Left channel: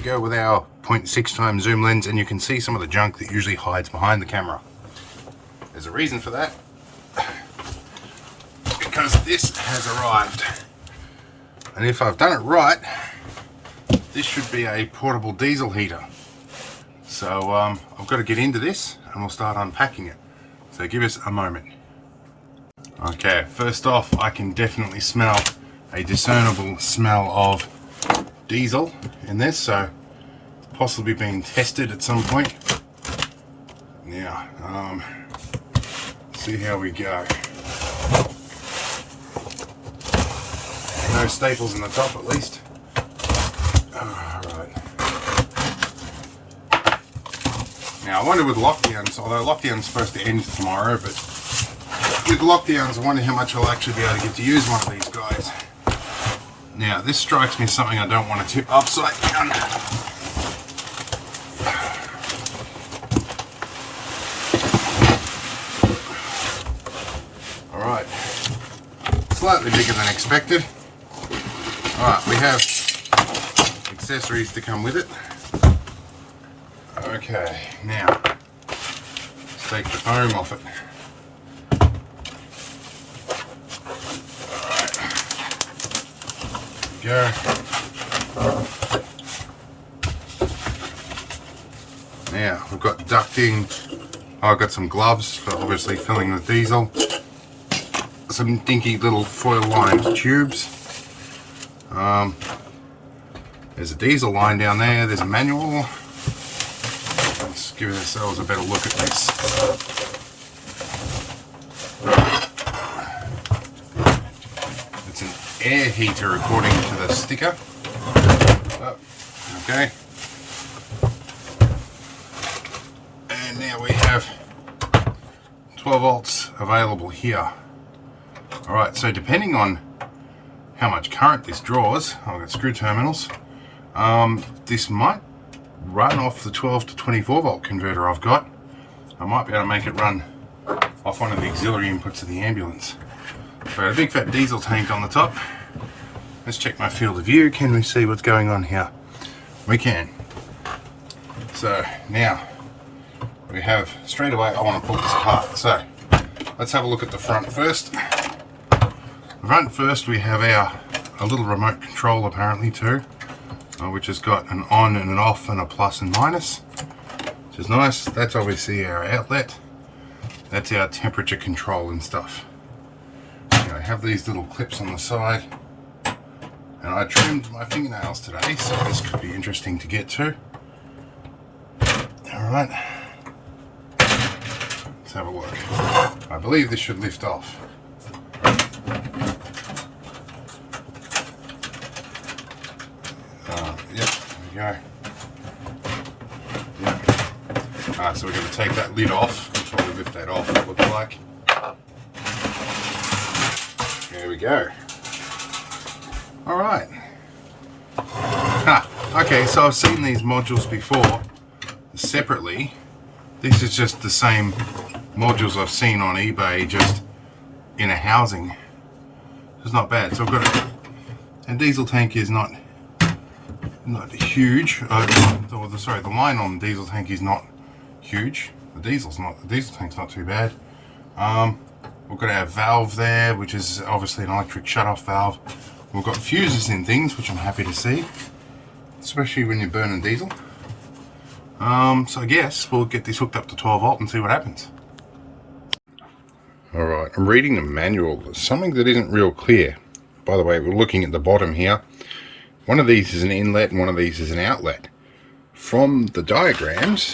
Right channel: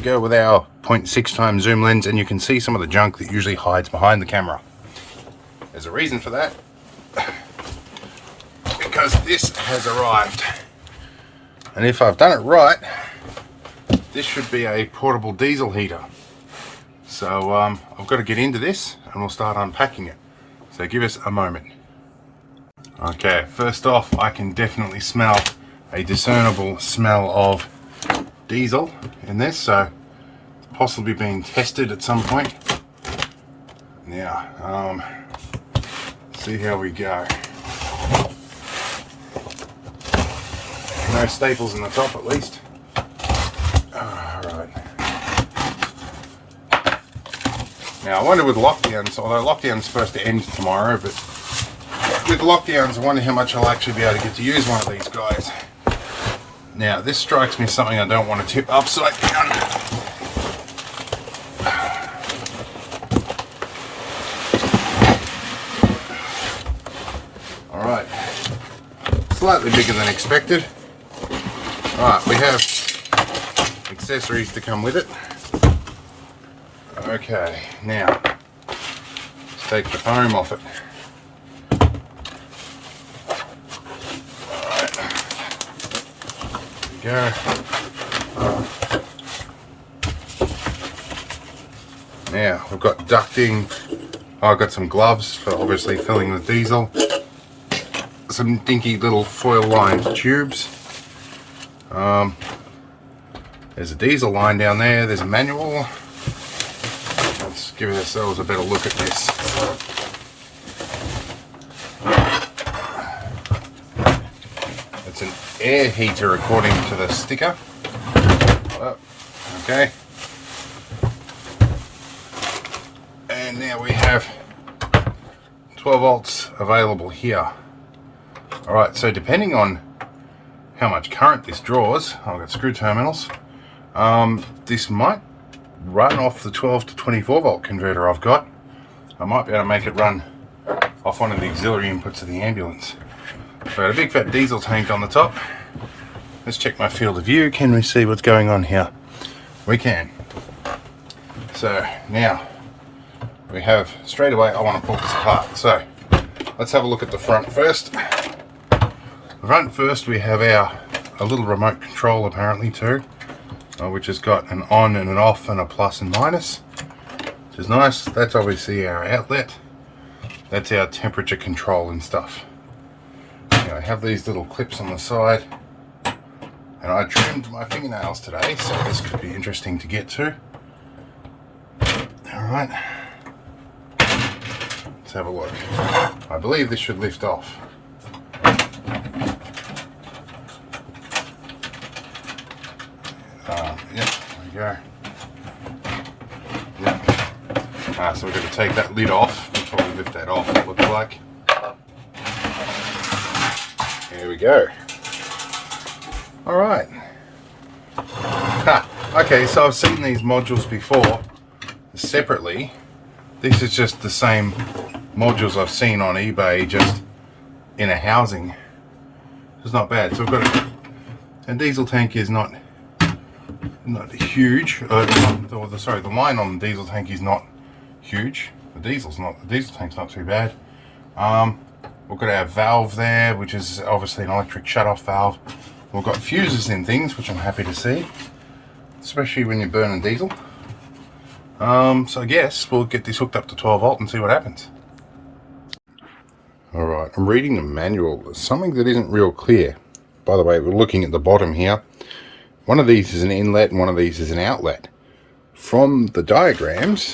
to go with our 0.6 times zoom lens, and you can see some of the junk that usually hides behind the camera. There's a reason for that, because this has arrived. And if I've done it right, this should be a portable diesel heater. So I've got to get into this and we'll start unpacking it. So give us a moment. Okay, first off, I can definitely smell a discernible smell of diesel in this, so it's possibly being tested at some point. Now, see how we go. No staples in the top at least. Alright. Now I wonder with lockdowns, although lockdown's supposed to end tomorrow, but with lockdowns I wonder how much I'll actually be able to get to use one of these guys. Now this strikes me as something I don't want to tip upside down. Alright. Slightly bigger than expected. Alright, we have accessories to come with it. Okay, now let's take the foam off it. Alright, there we go. Now we've got ducting. I've got some gloves for obviously filling the diesel. Some dinky little foil lined tubes. There's a diesel line down there, there's a manual. Let's give ourselves a better look at this. It's an air heater according to the sticker. Oh, okay. And now we have 12 volts available here. Alright, so depending on how much current this draws, I've got screw terminals, this might run off the 12 to 24 volt converter I've got. I might be able to make it run off one of the auxiliary inputs of the ambulance. So a big fat diesel tank on the top. Let's check my field of view. Can we see what's going on here? We can. So now we have, straight away I want to pull this apart. So let's have a look at the front first. The front first, we have a little remote control apparently too, which has got an on and an off and a plus and minus, which is nice. That's obviously our outlet. That's our temperature control and stuff. So I have these little clips on the side, and I trimmed my fingernails today, so this could be interesting to get to. Alright, let's have a look. I believe this should lift off. Go. Yeah. So we're going to take that lid off. Just want to lift that off, it looks like. There we go. Alright. Okay, so I've seen these modules before separately. This is just the same modules I've seen on eBay, just in a housing. It's not bad. So I've got a diesel tank is not huge. Sorry, the line on the diesel tank is not huge. The diesel tank's not too bad. We've got our valve there, which is obviously an electric shut-off valve. We've got fuses in things, which I'm happy to see, especially when you're burning diesel. So I guess we'll get this hooked up to 12 volt and see what happens. Alright, I'm reading the manual. There's something that isn't real clear. By the way, we're looking at the bottom here. One of these is an inlet and one of these is an outlet. From the diagrams,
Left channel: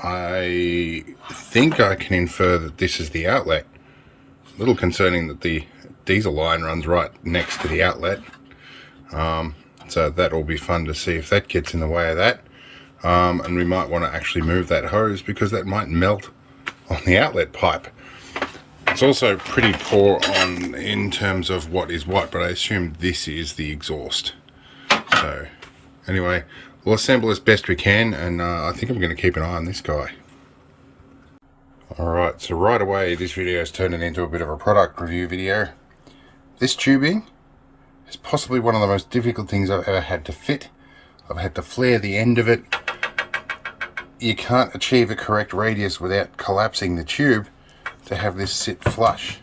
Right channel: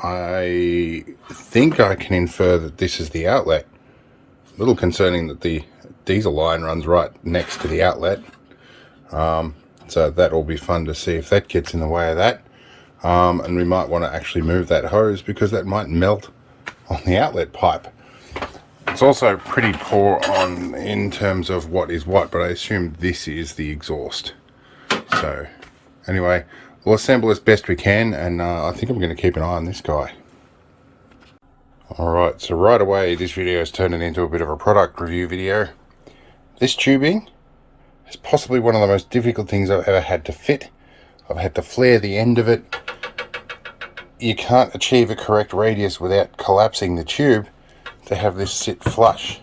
I think I can infer that this is the outlet. A little concerning that the diesel line runs right next to the outlet. So that will be fun to see if that gets in the way of that. And we might want to actually move that hose because that might melt on the outlet pipe. It's also pretty poor in terms of what is what, but I assume this is the exhaust. So anyway, we'll assemble as best we can, and I think I'm going to keep an eye on this guy. Alright, so right away this video is turning into a bit of a product review video. This tubing is possibly one of the most difficult things I've ever had to fit. I've had to flare the end of it. You can't achieve a correct radius without collapsing the tube to have this sit flush,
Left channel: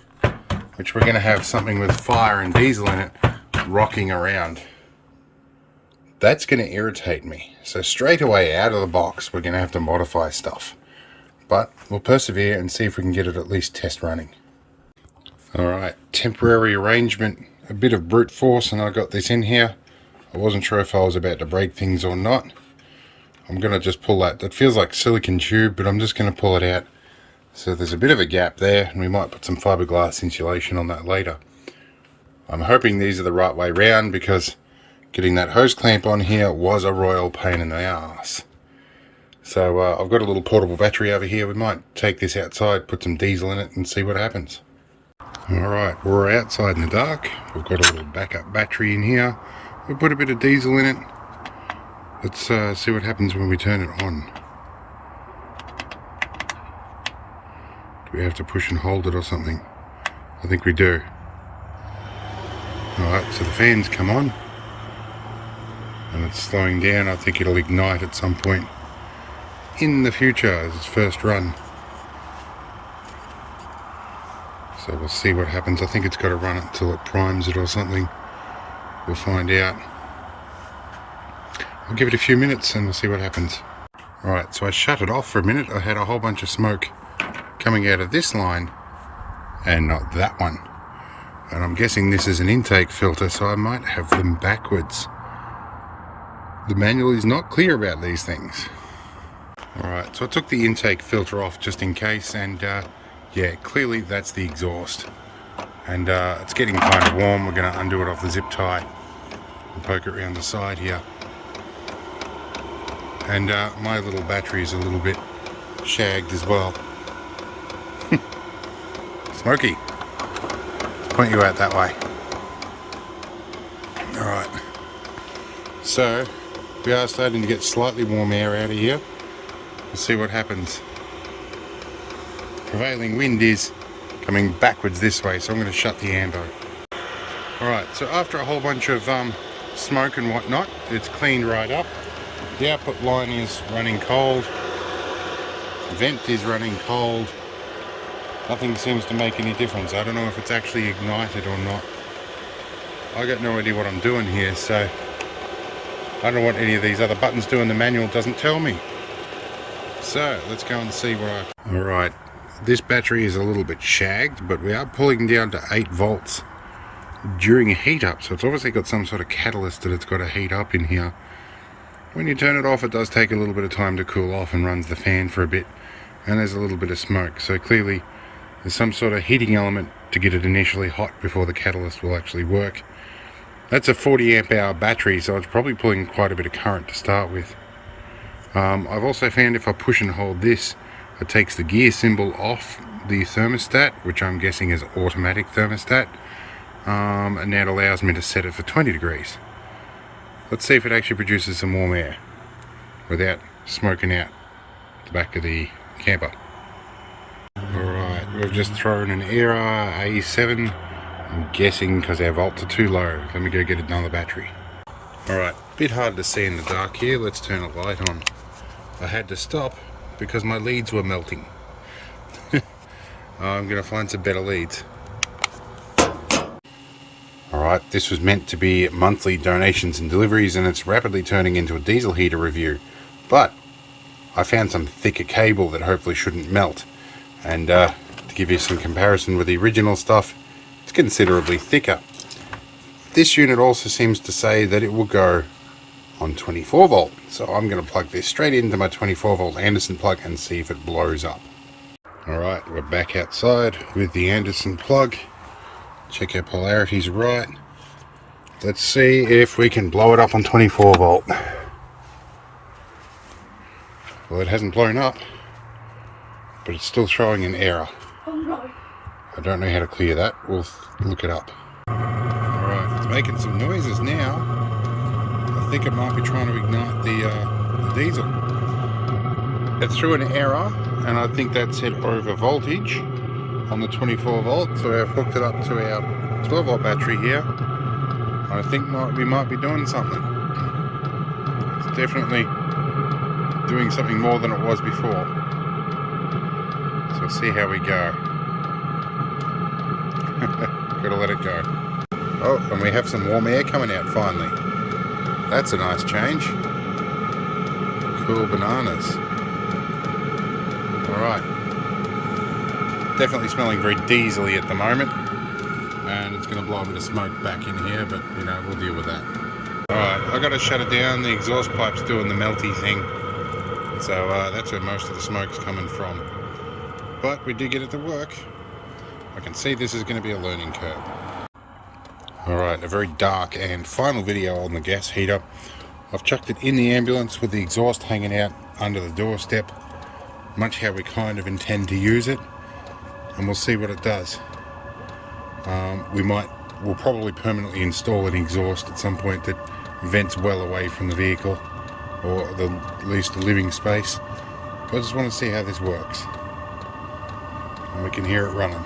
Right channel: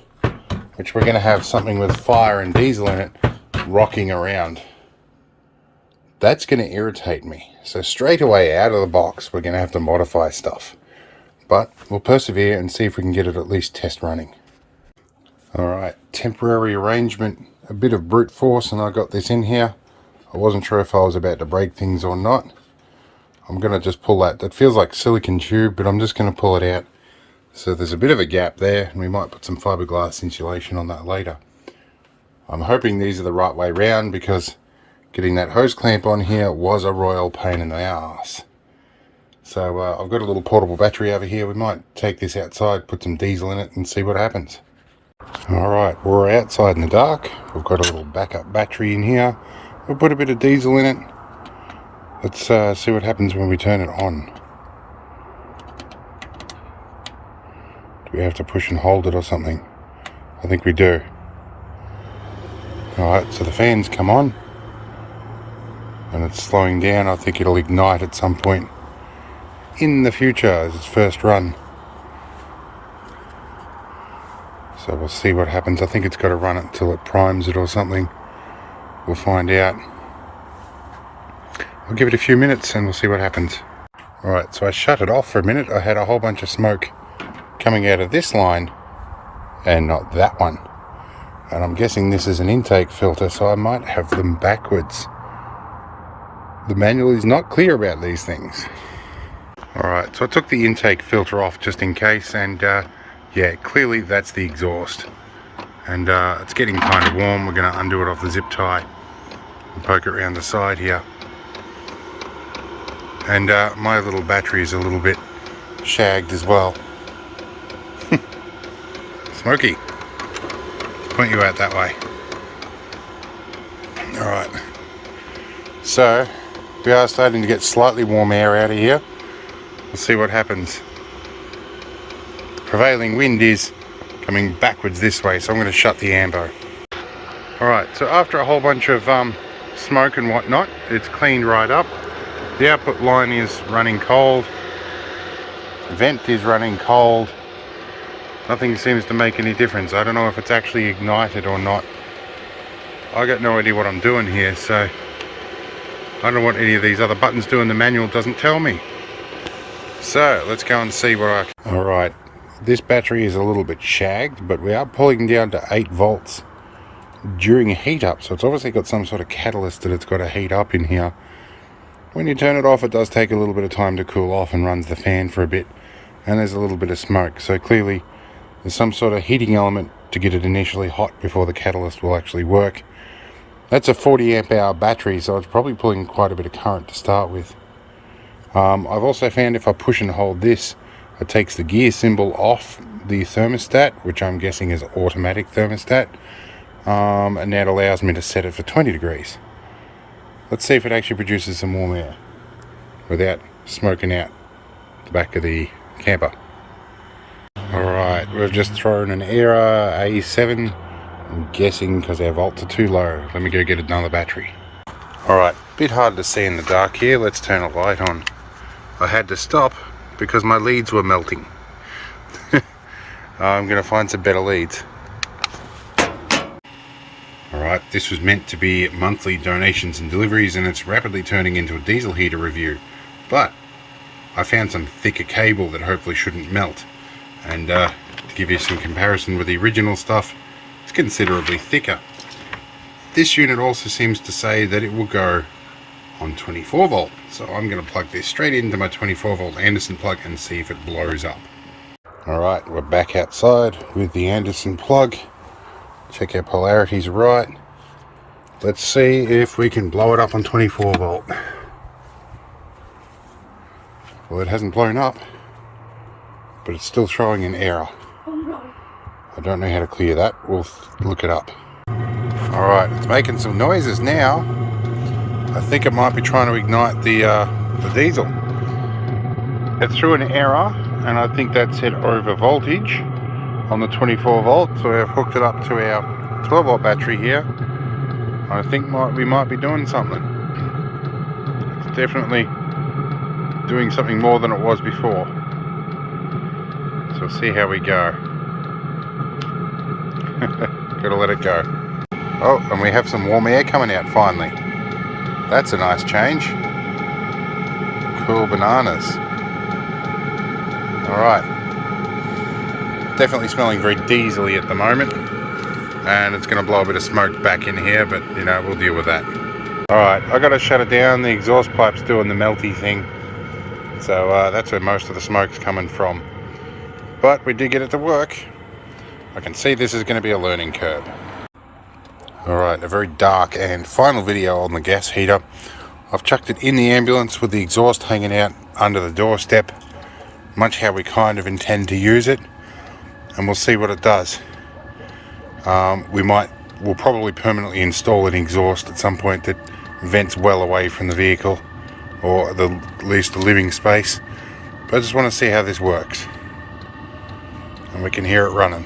which we're going to have something with fire and diesel in it rocking around. That's going to irritate me. So straight away out of the box, we're going to have to modify stuff. But we'll persevere and see if we can get it at least test running. Alright, temporary arrangement, a bit of brute force, and I got this in here. I wasn't sure if I was about to break things or not. I'm going to just pull that. That feels like silicone tube, but I'm just going to pull it out. So there's a bit of a gap there, and we might put some fiberglass insulation on that later. I'm hoping these are the right way round, because getting that hose clamp on here was a royal pain in the ass. So I've got a little portable battery over here. We might take this outside, put some diesel in it, and see what happens. Alright, we're outside in the dark. We've got a little backup battery in here. We'll put a bit of diesel in it. Let's see what happens when we turn it on. Do we have to push and hold it or something? I think we do. Alright, so the fans come on. And it's slowing down. I think it'll ignite at some point in the future as its first run. So we'll see what happens. I think it's got to run it until it primes it or something. We'll find out. I'll give it a few minutes and we'll see what happens. Alright, so I shut it off for a minute. I had a whole bunch of smoke coming out of this line and not that one. And I'm guessing this is an intake filter, so I might have them backwards. The manual is not clear about these things. Alright, so I took the intake filter off just in case, and yeah, clearly that's the exhaust. And it's getting kind of warm. We're going to undo it off the zip tie and poke it around the side here. And my little battery is a little bit shagged as well. Smoky. Let's point you out that way. Alright. So, we are starting to get slightly warm air out of here. We'll see what happens. The prevailing wind is coming backwards this way, so I'm going to shut the ambo. Alright, so after a whole bunch of smoke and whatnot, it's cleaned right up. The output line is running cold. Vent is running cold. Nothing seems to make any difference. I don't know if it's actually ignited or not. I got no idea what I'm doing here, so I don't know what any of these other buttons do, and the manual doesn't tell me. So let's go and see what I can. Alright, this battery is a little bit shagged, but we are pulling down to 8 volts during a heat up, so it's obviously got some sort of catalyst that it's got to heat up in here. When you turn it off, it does take a little bit of time to cool off and runs the fan for a bit, and there's a little bit of smoke, so clearly there's some sort of heating element to get it initially hot before the catalyst will actually work. That's a 40 amp hour battery, so it's probably pulling quite a bit of current to start with. I've also found if I push and hold this, it takes the gear symbol off the thermostat, which I'm guessing is automatic thermostat, and that allows me to set it for 20 degrees. Let's see if it actually produces some warm air without smoking out the back of the camper. Alright, we've just thrown an Era A7. I'm guessing because our volts are too low. Let me go get another battery. Alright, bit hard to see in the dark here. Let's turn a light on. I had to stop because my leads were melting. I'm going to find some better leads. Alright, this was meant to be monthly donations and deliveries, and it's rapidly turning into a diesel heater review. But I found some thicker cable that hopefully shouldn't melt. And to give you some comparison with the original stuff, it's considerably thicker. This unit also seems to say that it will go on 24 volt. So I'm going to plug this straight into my 24 volt Anderson plug and see if it blows up. Alright, we're back outside with the Anderson plug. Check our polarities right. Let's see if we can blow it up on 24 volt. Well, it hasn't blown up, but it's still showing an error. I don't know how to clear that. We'll look it up. Alright, it's making some noises now. I think it might be trying to ignite the diesel. It threw an error, and I think that said over voltage on the 24 volt, so I've hooked it up to our 12 volt battery here. I think we might be doing something. definitely doing something more than it was before. So we'll see how we go. Gotta let it go. Oh, and we have some warm air coming out finally. That's a nice change. Cool bananas. Alright. Definitely smelling very diesely at the moment. And it's going to blow a bit of smoke back in here, but you know, we'll deal with that. Alright, I got to shut it down. The exhaust pipe's doing the melty thing. So that's where most of the smoke's coming from. But we did get it to work. I can see this is going to be a learning curve. Alright, a very dark and final video on the gas heater. I've chucked it in the ambulance with the exhaust hanging out under the doorstep, much how we kind of intend to use it, and we'll see what it does. We'll probably permanently install an exhaust at some point that vents well away from the vehicle, or at least the living space, but I just want to see how this works, and we can hear it running.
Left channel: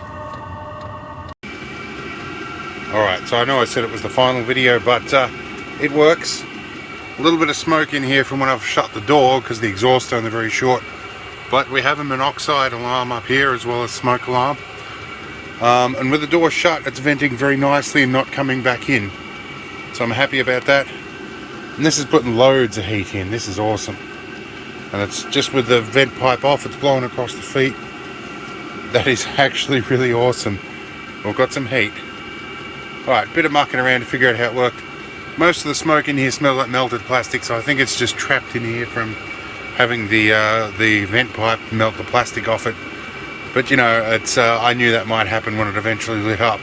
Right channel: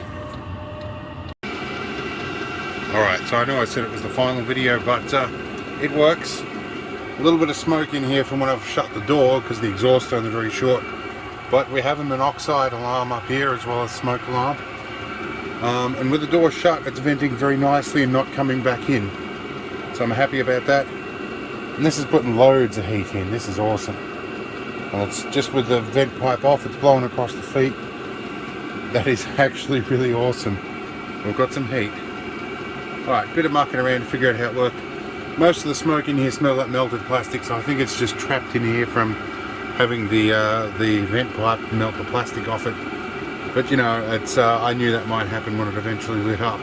Alright, so I know I said it was the final video, but it works. A little bit of smoke in here from when I've shut the door because the exhaust's only very short, but we have a monoxide alarm up here as well as smoke alarm, and with the door shut it's venting very nicely and not coming back in, so I'm happy about that. And this is putting loads of heat in. This is awesome, and it's just with the vent pipe off, it's blowing across the feet. That is actually really awesome. We've got some heat. Alright, bit of mucking around to figure out how it worked. Most of the smoke in here smells like melted plastic, so I think it's just trapped in here from having the vent pipe melt the plastic off it. But you know, it's I knew that might happen when it eventually lit up.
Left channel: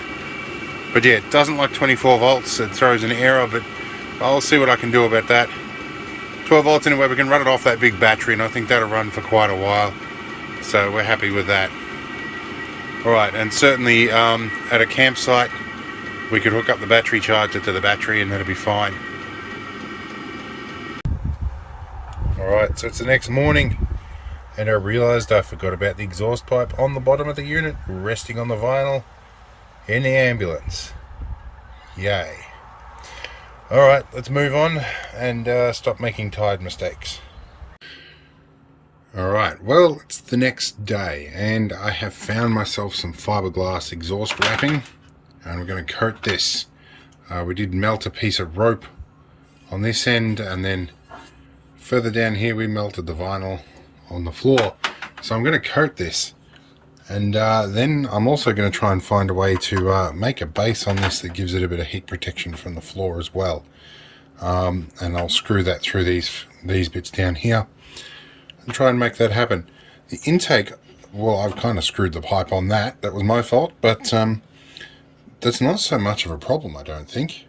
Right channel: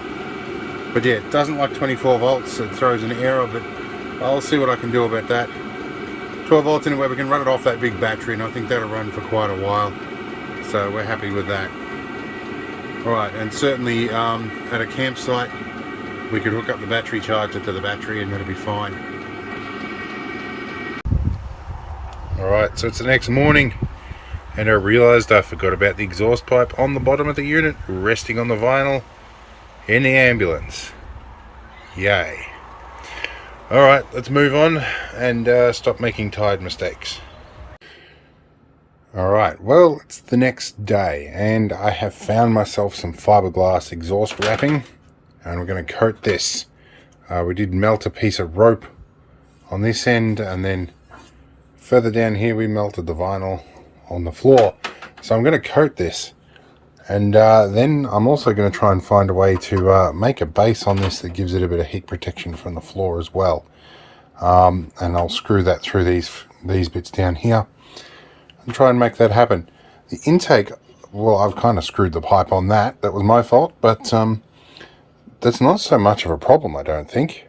But yeah, it doesn't like 24 volts, it throws an error, but I'll see what I can do about that. 12 volts anyway, we can run it off that big battery, and I think that'll run for quite a while. So we're happy with that. Alright, and certainly at a campsite, we could hook up the battery charger to the battery and that'll be fine. Alright, so it's the next morning and I realised I forgot about the exhaust pipe on the bottom of the unit, resting on the vinyl in the ambulance. Yay. Alright, let's move on and stop making tired mistakes. Alright, well, it's the next day and I have found myself some fiberglass exhaust wrapping. And we're going to coat this. We did melt a piece of rope on this end, and then further down here we melted the vinyl on the floor. So I'm going to coat this, and then I'm also going to try and find a way to make a base on this that gives it a bit of heat protection from the floor as well. And I'll screw that through these bits down here and try and make that happen. The intake, well, I've kind of screwed the pipe on that. That was my fault, but that's not so much of a problem, I don't think.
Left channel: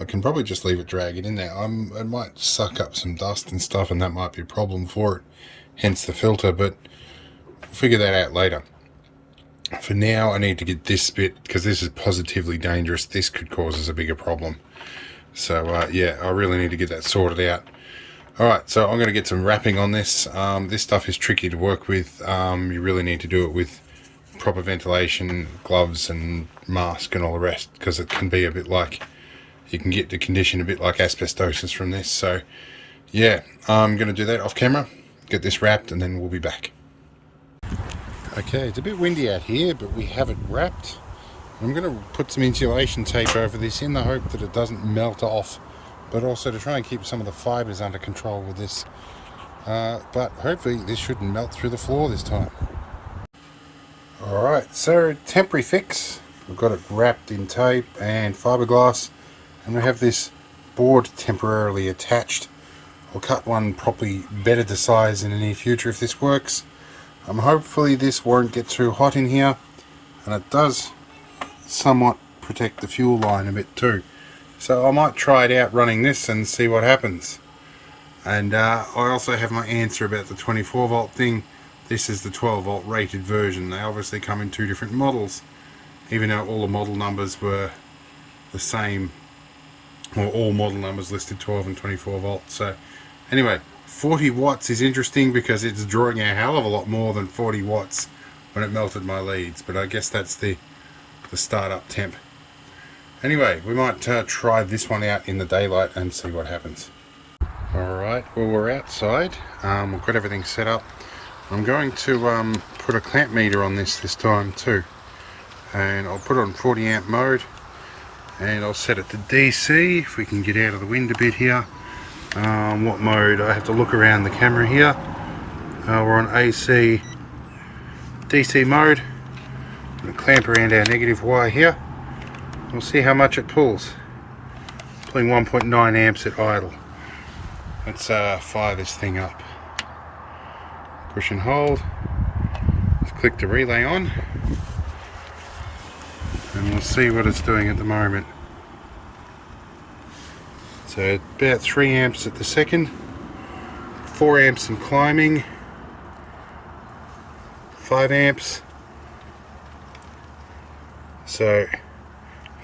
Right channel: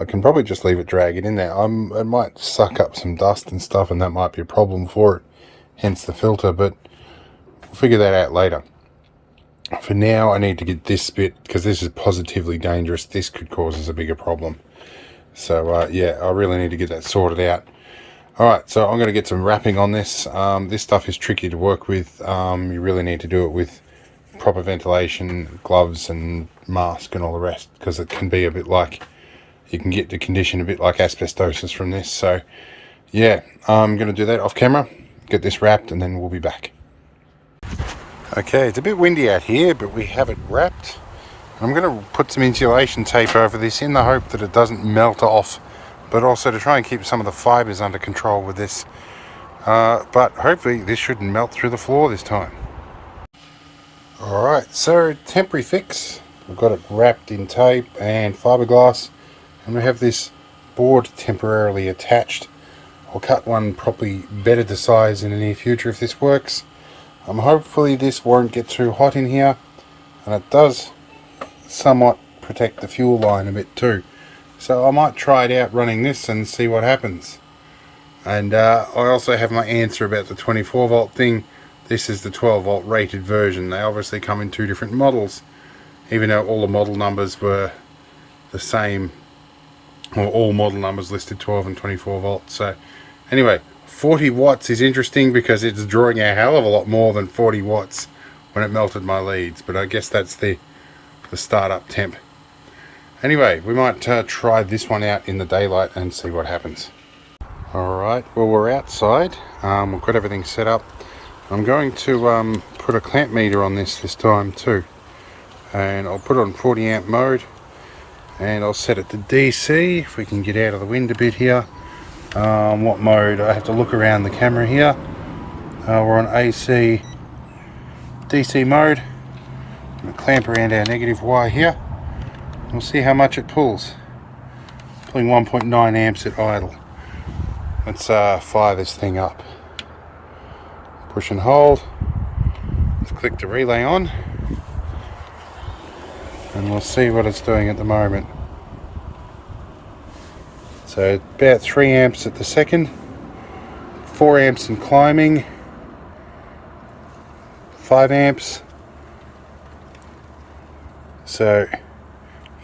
I can probably just leave it dragging in there. It might suck up some dust and stuff, and that might be a problem for it, hence the filter, but we'll figure that out later. For now, I need to get this bit, because this is positively dangerous. This could cause us a bigger problem. So, yeah, I really need to get that sorted out. Alright, so I'm going to get some wrapping on this. This stuff is tricky to work with. You really need to do it with proper ventilation, gloves and mask and all the rest, because it can be a bit like, you can get the condition a bit like asbestosis from this. So yeah, I'm going to do that off camera, get this wrapped, and then we'll be back. Okay, it's a bit windy out here, but we have it wrapped. I'm going to put some insulation tape over this in the hope that it doesn't melt off, but also to try and keep some of the fibers under control with this. But hopefully this shouldn't melt through the floor this time. Alright, so temporary fix. We've got it wrapped in tape and fiberglass, and we have this board temporarily attached. I'll cut one probably better to size in the near future if this works. Hopefully this won't get too hot in here, and it does somewhat protect the fuel line a bit too. So I might try it out running this and see what happens. And I also have my answer about the 24 volt thing. This is the 12 volt rated version. They obviously come in two different models, even though all the model numbers were the same, or all model numbers listed 12 and 24 volts. So anyway, 40 watts is interesting because it's drawing a hell of a lot more than 40 watts when it melted my leads, but I guess that's the startup temp. Anyway, we might try this one out in the daylight and see what happens. Alright, well we're outside, we've got everything set up. I'm going to put a clamp meter on this time too, and I'll put it on 40 amp mode, and I'll set it to DC if we can get out of the wind a bit here. What mode? I have to look around the camera here. We're on AC DC mode. I'm going to clamp around our negative wire here. We'll see how much it pulls. Pulling 1.9 amps at idle. Let's fire this thing up. Push and hold. Let's click the relay on, and we'll see what it's doing at the moment. So about 3 amps at the second, 4 amps and climbing, 5 amps. So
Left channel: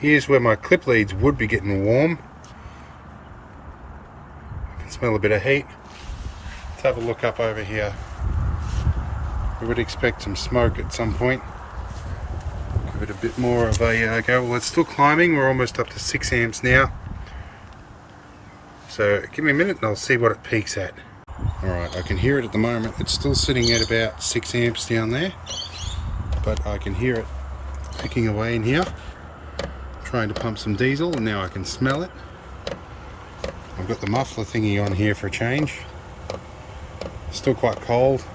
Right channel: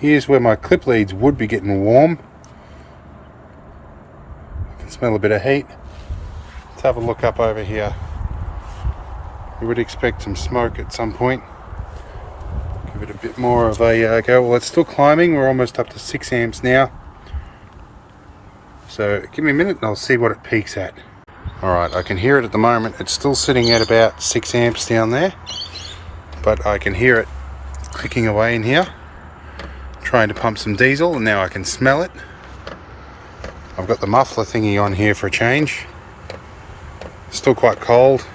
here's where my clip leads would be getting warm. I can smell a bit of heat. Let's have a look up over here. We would expect some smoke at some point. Give it a bit more of a go. Well, it's still climbing. We're almost up to 6 amps now. So give me a minute and I'll see what it peaks at. Alright, I can hear it at the moment. It's still sitting at about 6 amps down there, but I can hear it clicking away in here, trying to pump some diesel, and now I can smell it. I've got the muffler thingy on here for a change. Still quite cold.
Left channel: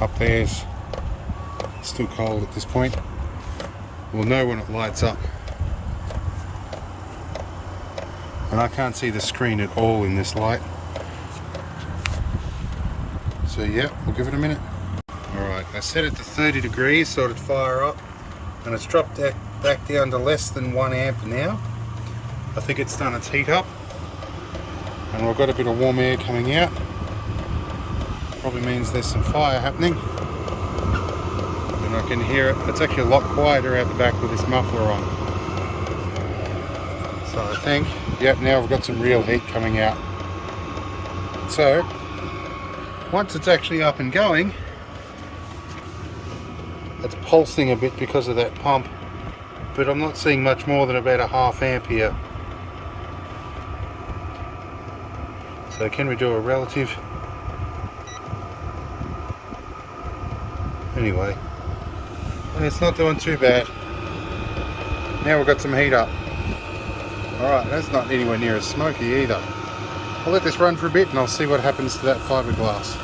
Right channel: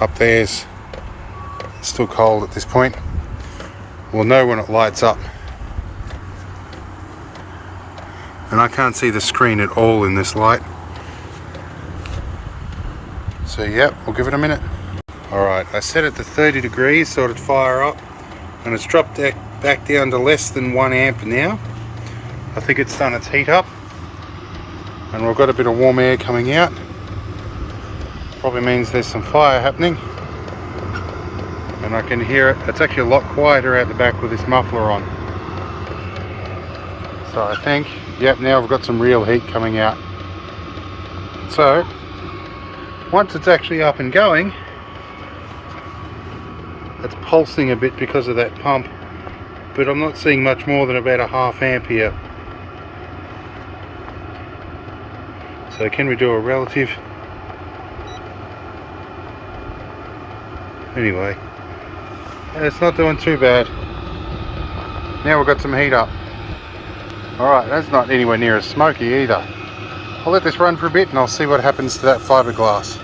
Up there's still cold at this point. We'll know when it lights up. And I can't see the screen at all in this light. So yeah, we'll give it a minute. Alright, I set it to 30 degrees so it'd fire up, and it's dropped back down to less than 1 amp now. I think it's done its heat up, and we've got a bit of warm air coming out. Probably means there's some fire happening, and I can hear it. It's actually a lot quieter out the back with this muffler on. So I think, yep, now we've got some real heat coming out. So once it's actually up and going, it's pulsing a bit because of that pump, but I'm not seeing much more than about a ½ amp here. So can we do a relative? Anyway, it's not doing too bad. Now we've got some heat up. Alright, that's not anywhere near as smoky either. I'll let this run for a bit and I'll see what happens to that fiberglass.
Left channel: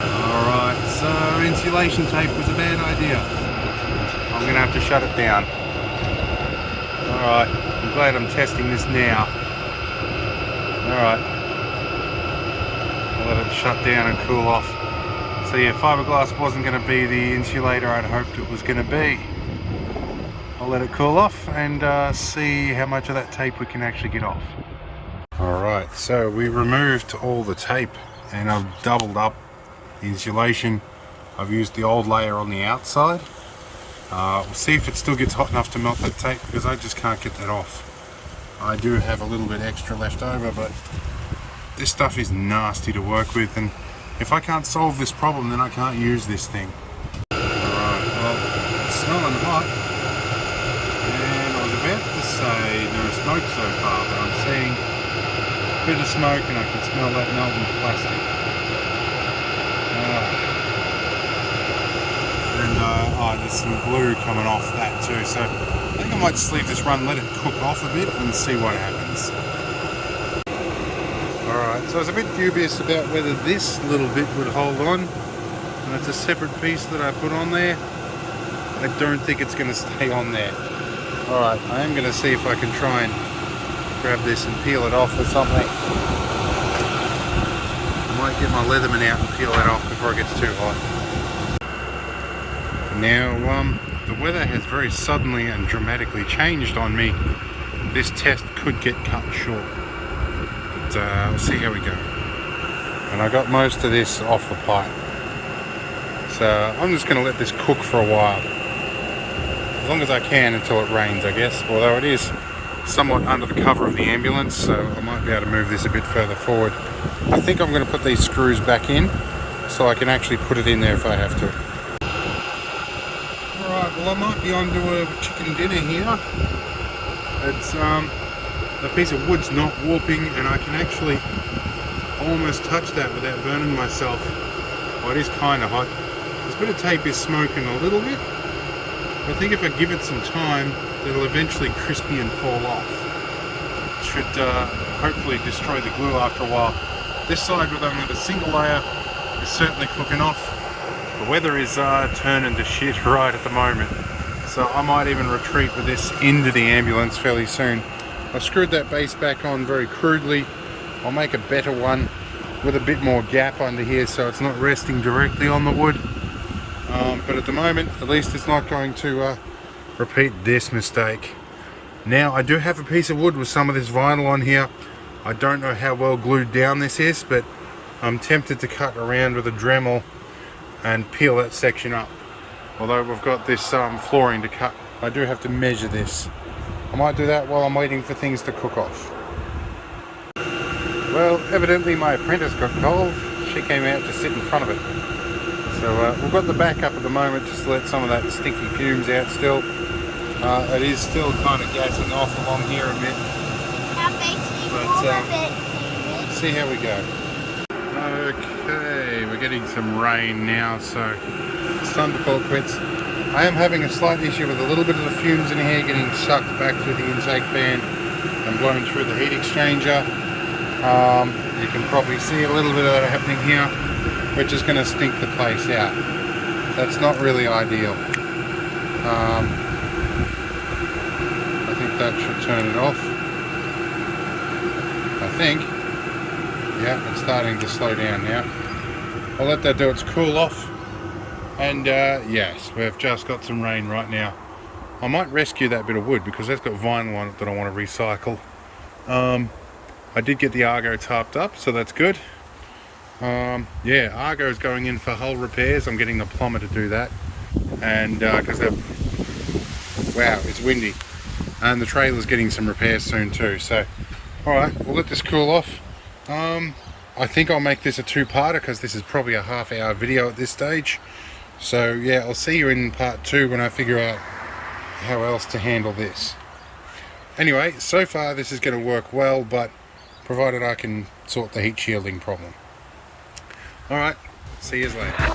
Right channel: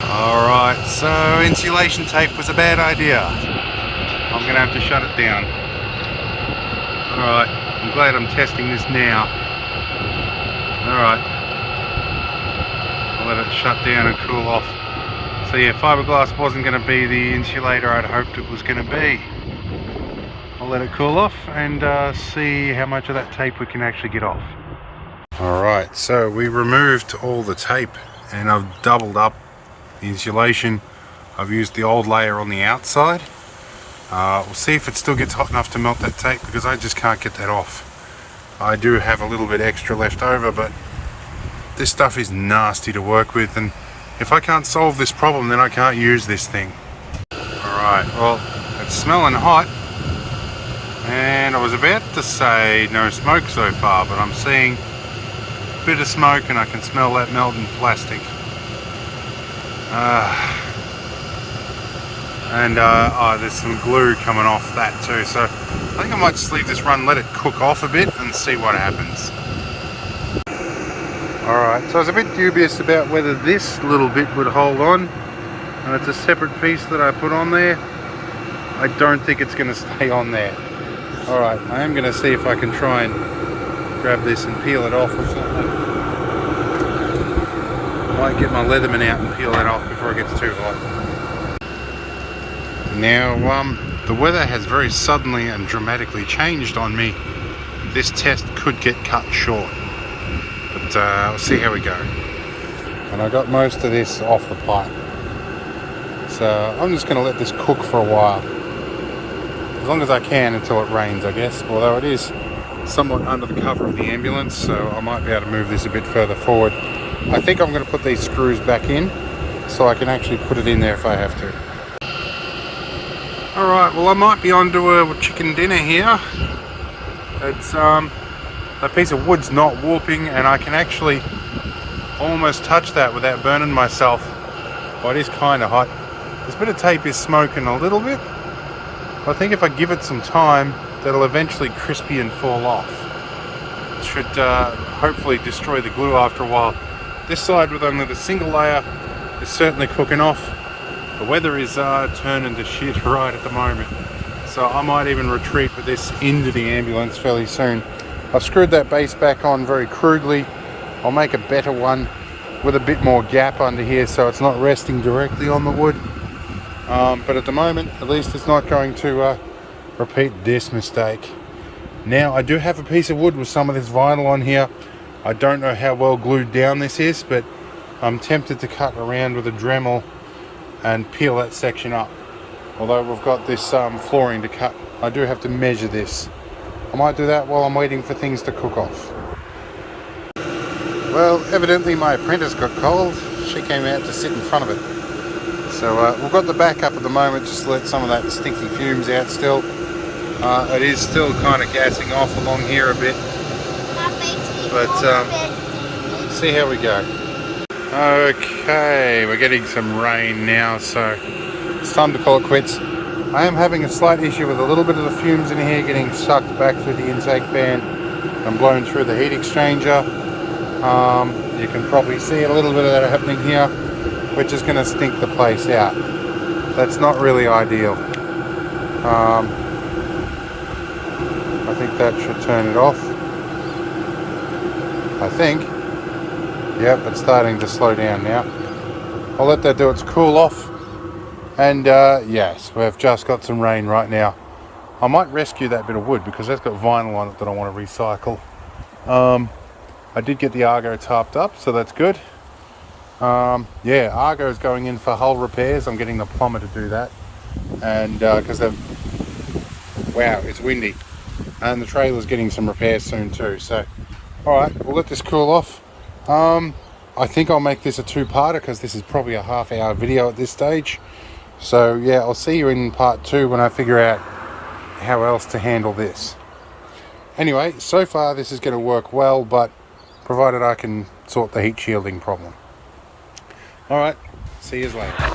Alright, so insulation tape was a bad idea. I'm going to have to shut it down. Alright, I'm glad I'm testing this now. Alright, I'll let it shut down and cool off. So yeah, fiberglass wasn't going to be the insulator I'd hoped it was going to be. I'll let it cool off and see how much of that tape we can actually get off. Alright, so we removed all the tape and I've doubled up the insulation. I've used the old layer on the outside. We'll see if it still gets hot enough to melt that tape, because I just can't get that off. I do have a little bit extra left over, but this stuff is nasty to work with, and if I can't solve this problem, then I can't use this thing. Alright, well, it's smelling hot, and I was about to say no smoke so far, but I'm seeing a bit of smoke and I can smell that melting plastic. There's some glue coming off that too, so I think I might just leave this run, let it cook off a bit and see what happens. Alright, so I was a bit dubious about whether this little bit would hold on, and it's a separate piece that I put on there. I don't think it's going to stay on there. Alright, I am going to see if I can try and grab this and peel it off with something. I might get my Leatherman out and peel that off before it gets too hot. Now, the weather has very suddenly and dramatically changed on me. This test could get cut short, but we'll see how we go. And I got most of this off the pipe, so I'm just going to let this cook for a while, as long as I can until it rains, I guess. Although it is somewhat under the cover of the ambulance, so I might be able to move this a bit further forward. I think I'm going to put these screws back in so I can actually put it in there if I have to. Alright, well I might be onto a chicken dinner here. It's a piece of wood's not warping, and I can actually almost touched that without burning myself. Well, it is kind of hot. This bit of tape is smoking a little bit. I think if I give it some time, that'll eventually crispy and fall off. It should hopefully destroy the glue after a while. This side with only the single layer is certainly cooking off. The weather is turning to shit right at the moment. So I might even retreat with this into the ambulance fairly soon. I've screwed that base back on very crudely. I'll make a better one with a bit more gap under here so it's not resting directly on the wood. But at the moment, at least it's not going to repeat this mistake. Now, I do have a piece of wood with some of this vinyl on here. I don't know how well glued down this is, but I'm tempted to cut around with a Dremel and peel that section up. Although we've got this flooring to cut, I do have to measure this. I might do that while I'm waiting for things to cook off. Well, evidently my apprentice got cold. She came out to sit in front of it. So we've got the back up at the moment just to let some of that stinky fumes out still. It is still kind of gassing off along here a bit. But see how we go. Okay, we're getting some rain now, so it's time to call it quits. I am having a slight issue with a little bit of the fumes in here getting sucked back through the intake fan and blown through the heat exchanger. You can probably see a little bit of that happening here, which is going to stink the place out. That's not really ideal. I think that should turn it off. I think. Yep, it's starting to slow down now. I'll let that do its cool off. And yes, we've just got some rain right now. I might rescue that bit of wood because that's got vinyl on it that I want to recycle. I did get the Argo tarped up, so that's good. Yeah, Argo is going in for hull repairs. I'm getting the plumber to do that. And because they've... Wow, it's windy. And the trailer's getting some repairs soon too. So, alright, we'll let this cool off. I think I'll make this a two-parter because this is probably a half-hour video at this stage. So yeah, I'll see you in part 2 when I figure out how else to handle this. Anyway, so far this is going to work well, but provided I can sort the heat shielding problem. Alright, see you later.